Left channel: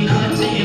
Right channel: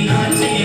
not to.